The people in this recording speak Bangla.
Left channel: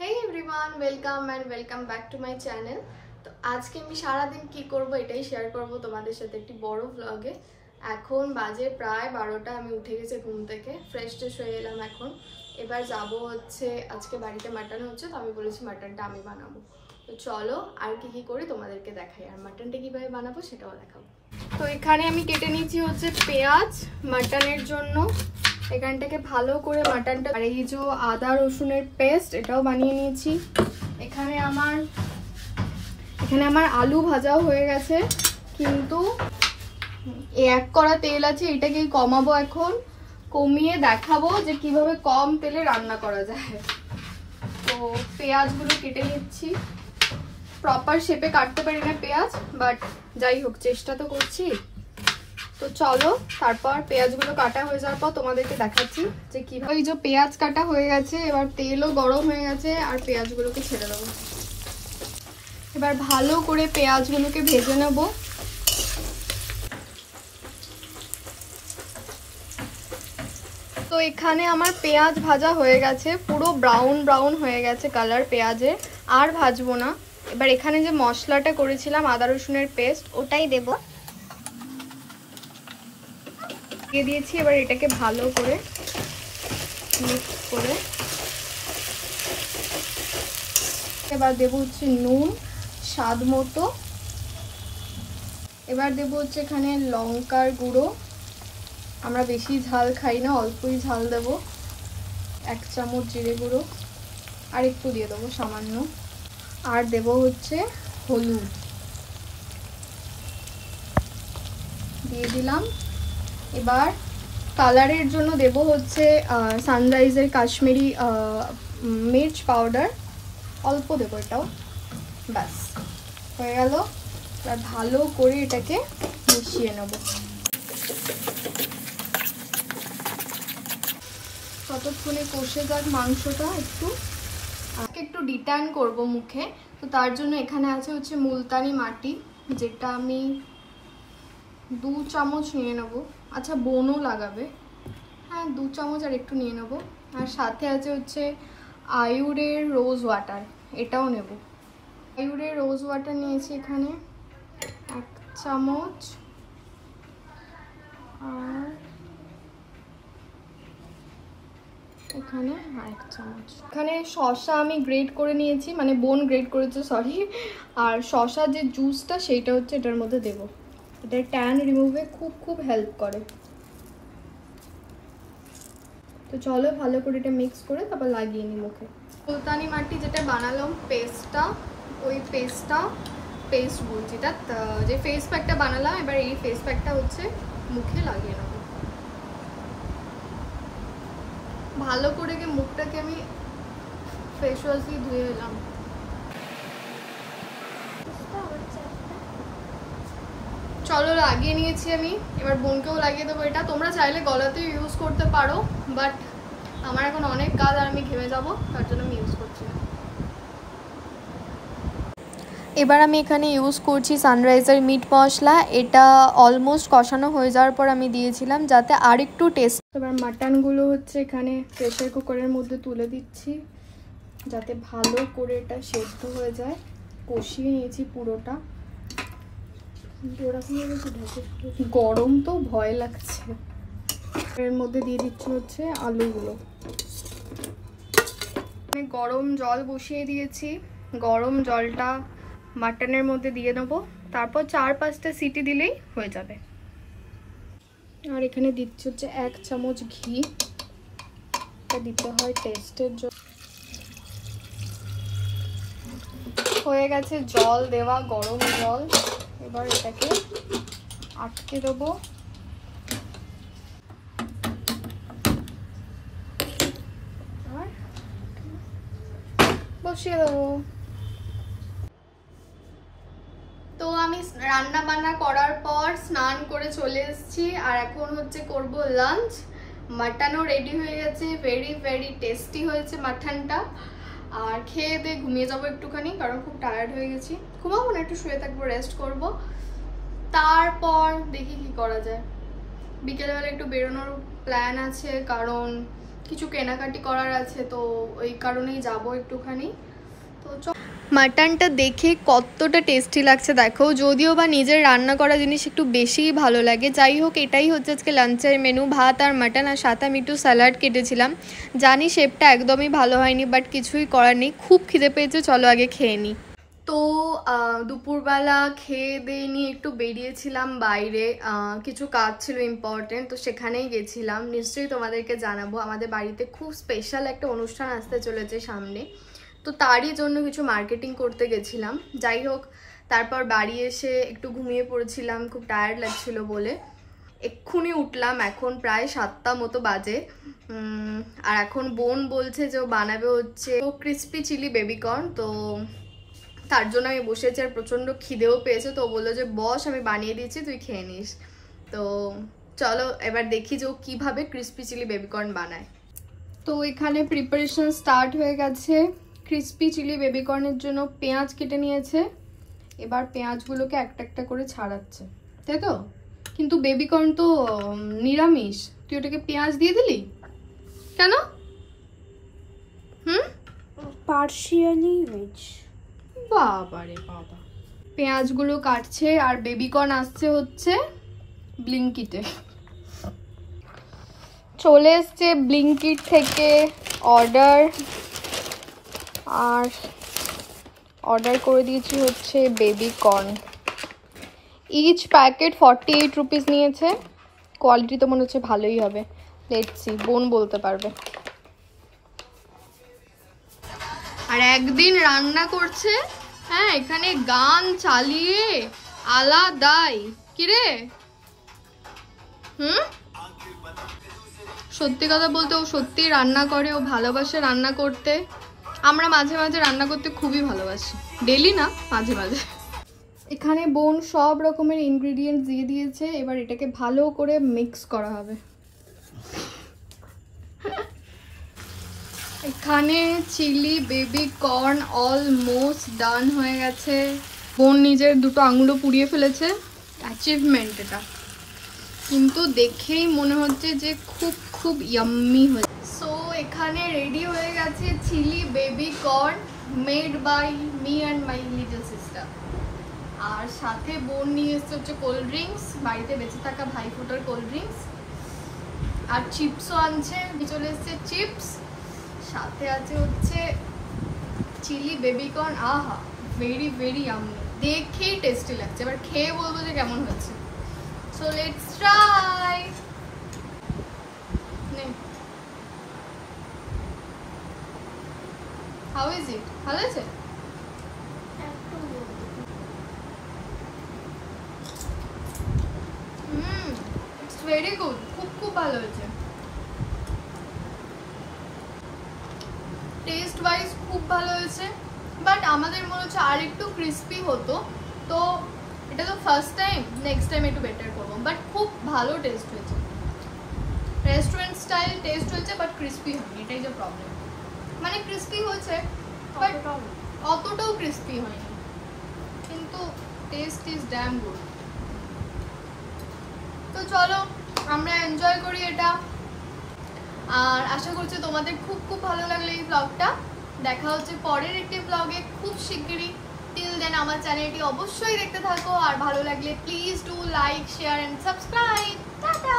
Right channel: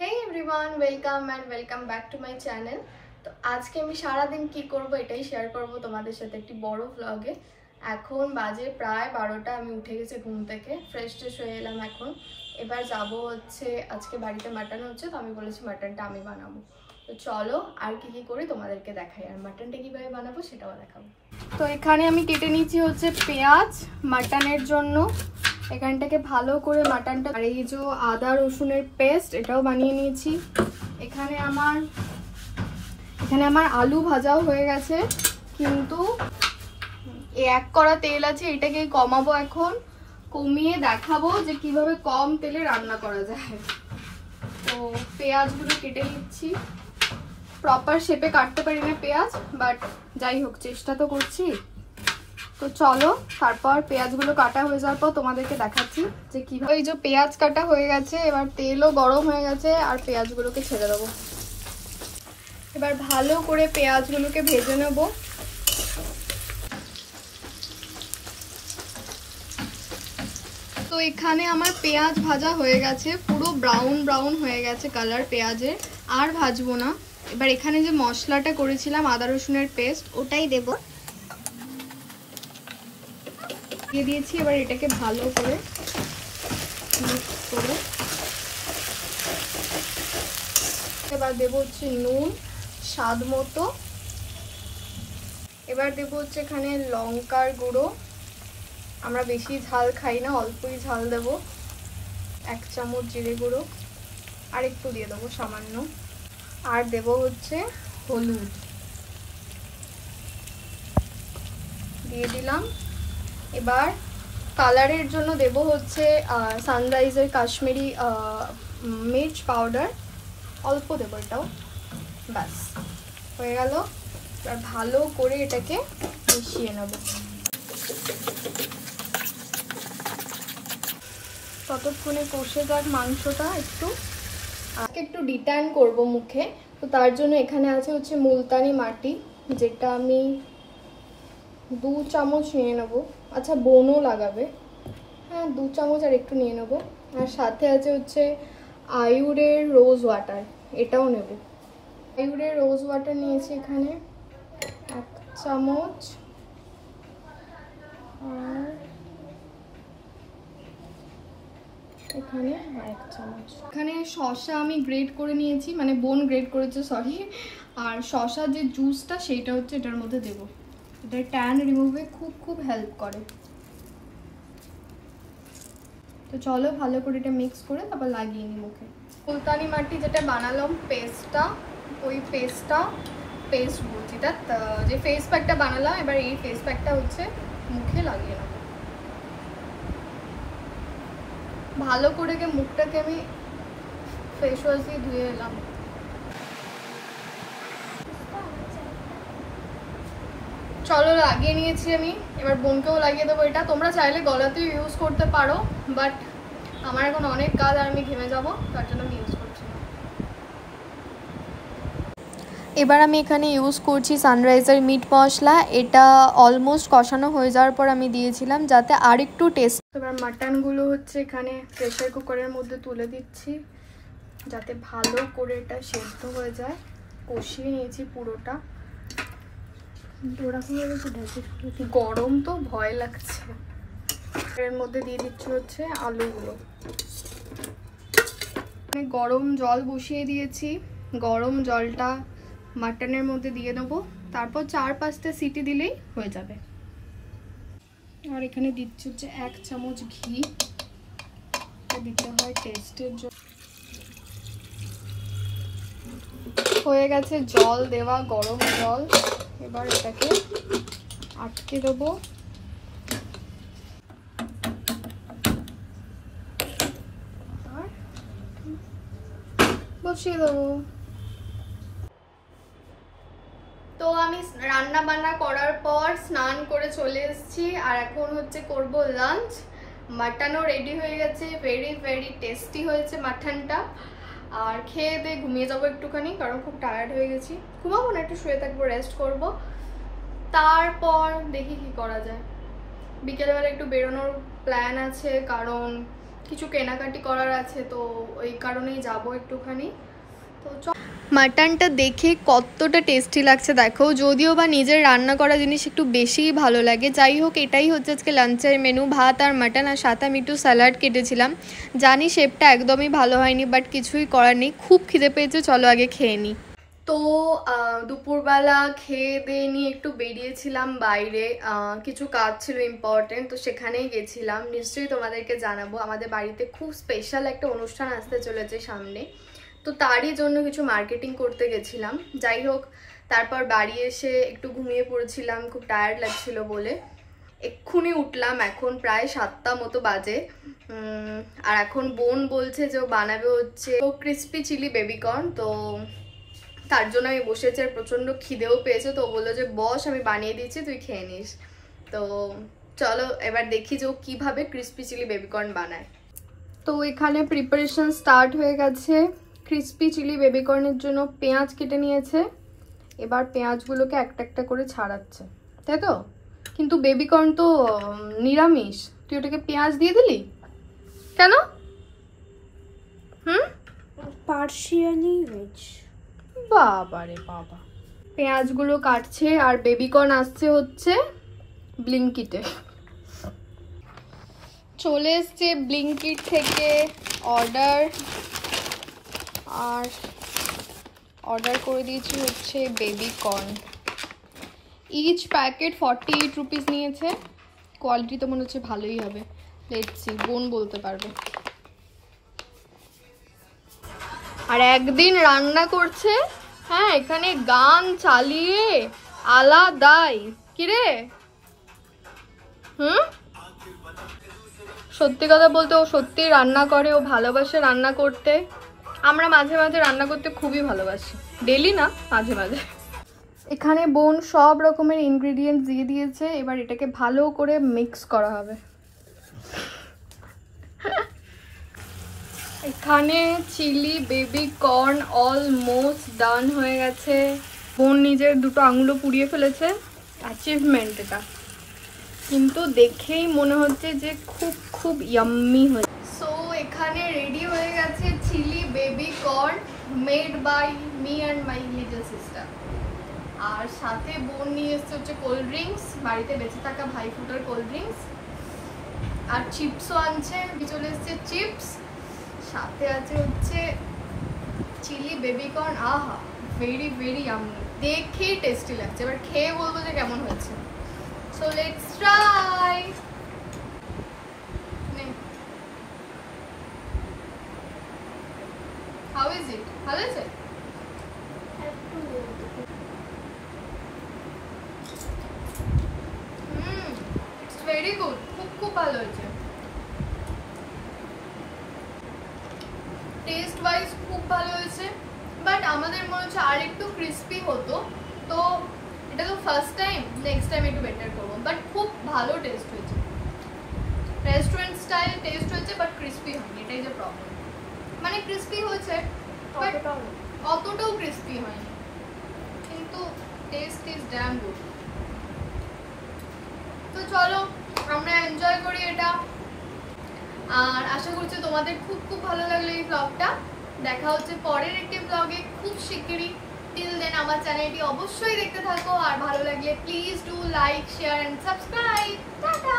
Hey everyone, welcome and welcome back to my channel. তো আজকে আমি সারা দিন কি করব এটাই শেয়ার করব তোমাদের সাথে একটি বড় ব্লগে। এখন বাজে প্রায় 12টা, আমি উঠে গেছি ঘুম থেকে, ফ্রেশ হয়ে এলাম এখন। এবার যাব হচ্ছে আজকে বাড়িতে মাটন হচ্ছে, তো আমি বলেছি মাটনটা আমি বানাবো। তো চলো আর কি করি তোমাদেরকে দেখাই, আর মাটনটা কিভাবে বানাবো সেটাও দেখাবো। তো এখানে আমি কেটে নিয়েছি হচ্ছে পেঁয়াজ মাটনের জন্য। এখানটাকে ভালো করে মাটনটা, আর এই যে আদা রসুনের পেস্ট এটাও বানিয়ে নিয়েছি। এখানে আমার আলু ভাজাও হয়ে গেছে, কিন্তু এক কড়া তেল আছে, এটাকে কমাবো এখন, কমিয়ে দেখাবো যে কিভাবে কম তেলে রান্না করা যায়। তো পেঁয়াজগুলো কেটে নিচ্ছি, প্রপার শেপে কাটতে পারি না পেঁয়াজ, বাট যাই হোক চেষ্টা তো করছি। তো চলো, তারপর পেঁয়াজগুলো কাটা হয়ে যাওয়ার পর তোমাদেরকে দেখাচ্ছি যে কিভাবে। এই যে পেঁয়াজ কাটা হয়ে গেছে, এবার তেলও গরম হয়ে গেছে, আর পেঁয়াজগুলোকে ছেড়ে দেবো। এবার ভালো করে পেঁয়াজগুলোকে ভেজে নেব। তো এখানে আমার পেঁয়াজ ভাজা হয়ে গেছে, পুরো ব্রাউন ব্রাউন হয়ে গেছে কালার পেঁয়াজের, আর ভাজবো না। এবার এখানে যে মশলাটা করেছিলাম আদা রসুনের পেস্ট, ওটাই দেব, দিয়ে দিয়েছি। এবার এটাকে ভালো করে মিক্স করে এবার দেব হচ্ছে নুন স্বাদ মতো। এবার দেব হচ্ছে এখানে লঙ্কার গুঁড়ো, আমরা বেশি ঝাল খাই না, অল্পই ঝাল দেব। 1 চামচ জিরে গুঁড়ো, আর একটু দিয়ে দেবো সামান্য। আর দেব হচ্ছে হলুদ, দিয়ে দিলাম। এবার কালারের জন্য দেব হচ্ছে সানরাইজের কাশ্মীরি মির্চ পাউডার, অল্প দেবো এটাও, ব্যাস হয়ে গেল। আর ভালো করে এটাকে মিশিয়ে নেব। ততক্ষণে কষে যাক মাংসটা একটু ডিট্যান করব মুখে। তো তার জন্য এখানে আছে হচ্ছে মুলতানি মাটি, যেটা আমি 2 চামচ নিয়ে নেব। আচ্ছা বোনও লাগাবে, হ্যাঁ 2 চামচ আর একটু নিয়ে নেব। আর সাথে আছে হচ্ছে আয়ুরের রোজ ওয়াটার, এটাও নেব। আয়ুরের রোজ ওয়াটার নিয়েছি এখানে 1 চামচ, আর এখানে আরেক চামচ। এখানে শসা আমি গ্রেট করে নিয়েছি, মানে বোন গ্রেট করেছে সরি। আর শসা যে জুসটা সেইটা হচ্ছে এটার মধ্যে দেব, এটা ট্যান রিমুভে খুব হেল্প করে। তো চলো ভালো করে এটা মিক্স করে তারপর লাগিয়ে নিই মুখে। মুলতানি মাটি যেটা বানালাম পেস্টটা, ওই পেস্ট বলছি, যে ফেস প্যাকটা বানালাম, এবার এই ফেস প্যাকটা হচ্ছে মুখে লাগিয়ে নেব। ভালো করে মুখটাকে আমি ফেস ওয়াশ দিয়ে ধুয়ে এলাম। চলো লাগিয়ে নিয়েছি আমি, এবার বোনকেও লাগিয়ে দেবো। এটা তোমরা চাইলে গলাতেও ইউজ করতে পারো, বাট আমার এখন অনেক কাজ আর আমি ঘেমে যাবো, তার জন্য আমি ইউজ করছি না। এবার আমি এখানে ইউজ করছি সানরাইজার মিট মশলা, এটা অলমোস্ট কষানো হয়ে যাওয়ার পর আমি দিয়েছিলাম যাতে আর একটু টেস্ট। এবার মাটনগুলো হচ্ছে এখানে প্রেসার কুকারের মধ্যে তুলে দিচ্ছি, যাতে ভালো করে এটা সেদ্ধ হয়ে যায়। কষিয়ে নিয়েছি পুরোটা, গরম তো ভয় লাগছে। এর মধ্যে দিয়ে দিচ্ছি হচ্ছে আলুগুলো, গরম জল বসিয়ে দিয়েছি, গরম জলটা মাটনের মধ্যে দিয়ে নেবো, তারপর 4-5টা সিটি দিলেই হয়ে যাবে। আর এখানে দিচ্ছি হচ্ছে 1 চামচ ঘি, এটা দিতে হয় টেস্টের জন্য। হয়ে গেছে জল দেওয়া, গরম জল। এবার এটাকে আটকে দেবো, বসিয়ে দেবো। তো আমি রান্না বান্না করার পর স্নান করে চলে এসেছি, আর এখন হচ্ছে করব লাঞ্চ। মাটনও রেডি হয়ে গেছে, ভেরি টেস্টি হয়েছে মাটনটা। আর খেয়ে দিয়ে ঘুমিয়ে যাবো একটুখানি, কারণ খুব টায়ার্ড হয়ে গেছি। ঘুমাবো না, একটু শুয়ে থাকবো, রেস্ট করব, তারপর দেখি কি করা যায়। বিকেলবেলা একটু বেরোনোর প্ল্যান আছে, কারণ কিছু কেনাকাটি করার আছে, তো ওই কারণেই যাব একটুখানি। তো মাটনটা দেখে কতটা টেস্টি লাগছে দেখো, যদিও বা নিজের রান্না করা জিনিস একটু বেশিই ভালো লাগে। যাই হোক, এটাই হচ্ছে আজকে লাঞ্চের মেনু, ভাত আর মাটন, আর সাথে আমি একটু স্যালাড কেটেছিলাম। জানি শেপটা একদমই ভালো হয়নি, বাট কিছুই করার নেই, খুব খিদে পেয়েছে, চলো আগে খেয়ে নিই। তো দুপুরবেলা খেয়ে দিয়ে নিয়ে একটু বেরিয়েছিলাম বাইরে, কিছু কাজ ছিল ইম্পর্টেন্ট, তো সেখানেই গেছিলাম। নিশ্চয়ই তোমাদেরকে জানাবো, আমাদের বাড়িতে খুব স্পেশাল একটা অনুষ্ঠান আসতে চলেছে সামনে, তো তারই জন্য কিছু মার্কেটিং করতে গেছিলাম। যাই হোক, তারপর বাড়ি এসে একটু ঘুমিয়ে পড়েছিলাম, খুব টায়ার্ড লাগছিল বলে। এক্ষুনি উঠলাম, এখন প্রায় 7টা মতো বাজে। আর এখন বোন বলছে যে ও বানাবে হচ্ছে ক্রিস্পি চিলি বেবিকর্ন, তো তার জন্য আমি বসেছি। আর প্রচণ্ড খিদেও পেয়েছে, তো বললো যে বস আমি বানিয়ে দিচ্ছি, তুই খেয়ে নিস। তো চলো এবার দেখি যে ও কীভাবে ক্রিস্পি চিলি বেবিকর্ন বানায়। তো এখানে প্রিপারেশন স্টার্ট হয়ে গেছে। ক্রিস্পি চিলি বেবিকর্নের জন্য পেঁয়াজ কেটে নিয়েছে, এবার পেঁয়াজগুলোকে একটা একটা করে ছাড়াচ্ছে, তাই তো? কিন্তু বেবিকর্ন তো নিরামিষ, তুই ওটাকে পেঁয়াজ দিয়ে দিলি কেন? Partially veg. বাবা রে বাবা। পেঁয়াজগুলো কাটছে, আর বেবিকর্ন আসছে হচ্ছে ব্লিঙ্কিটে। চলে এসছে ব্লিঙ্কিট থেকে অর্ডার, আর অর্ডার করে দিয়েছি হচ্ছে বেবিকর্ন। ইচ প্যাকেট 48 রুপিস নিয়েছে। কোয়ালিটি তো মনে হচ্ছে ভালোই হবে, লেটস সি, বোন বলতে পারবে। আর একদিন রান্না করছে, হ্যাঁ, এখানে গান চালিয়ে আলাদাই। কিরে সত্যি কথা বলতে ও সত্যিই রান্না করে, ও ভালোবাসে রান্না করতে। আমরা মাঝে মাঝে রান্না করতে খুবই ভালোবাসি, ডেলি না, মাঝে মাঝে। এখানে বোন সব রকমের ইনগ্রেডিয়েন্টস দিয়ে দিয়েছে, এবার এটাকে ভালো করে মিক্স করা হবে। এখানে চিলি বেবিকর্ন অলমোস্ট ডান হয়ে গেছে। বোন নিজের দুটো আঙুলও পুড়িয়ে ফেলেছে, অ্যাচিভমেন্ট এটা, কিন্তু দেখেই মনে হচ্ছে যে খুব খুব ইয়াম্মি হয়েছে। সো এখানে রেডি হয়ে গেছে chilli baby corn made by me and my little sister. আর সাথে বোন নিয়ে এসছে হচ্ছে কোল্ড ড্রিঙ্কস, বাড়িতে বেঁচে থাকা ভাইফোঁটার কোল্ড ড্রিঙ্কস, আর চিপসও আনছে, চলে এসছে চিপস, সাথে আছে হচ্ছে চিলি বেবিকর্ন। আহা, ভেরি ভেরি ইয়াম্মি, দেখেই টেস্টি লাগছে। এবার খেয়ে বলবো যে কেমন হয়েছে। So let's try. How is it? ভালো আছে? ইটস ভেরি গুড, খুব খুব ভালো হয়েছে। টেস্ট ওয়াইজ খুব ভালো হয়েছে, বাট আমাদের মনে হচ্ছে আর একটু ক্রিস্পি হতো। তো এটা তো ফার্স্ট টাইম, নেক্সট টাইম একটু বেটার করবো, বাট খুব ভালো টেস্ট হয়েছে। রেস্টুরেন্ট স্টাইল টেস্ট হয়েছে, বাট ক্রিস্পি হয়নি, এটাই যে প্রবলেম। মানে ক্রিস্পি হয়েছে, অতটাও ক্রিস্পি হয়নি, কিন্তু টেস্ট ইজ ড্যাম গুড। তো চলো আমরা এনজয় করি এটা, আর আশা করছি তোমাদের খুব খুব ভালো লাগলো এই ব্লগটা। দেখা হচ্ছে পরের একটি ব্লগে খুব শিগগিরই। টিল দেন আমার চ্যানেলটি অবশ্যই দেখতে থাকো, আর ভালো লাগলে please do like, share and subscribe. Tata.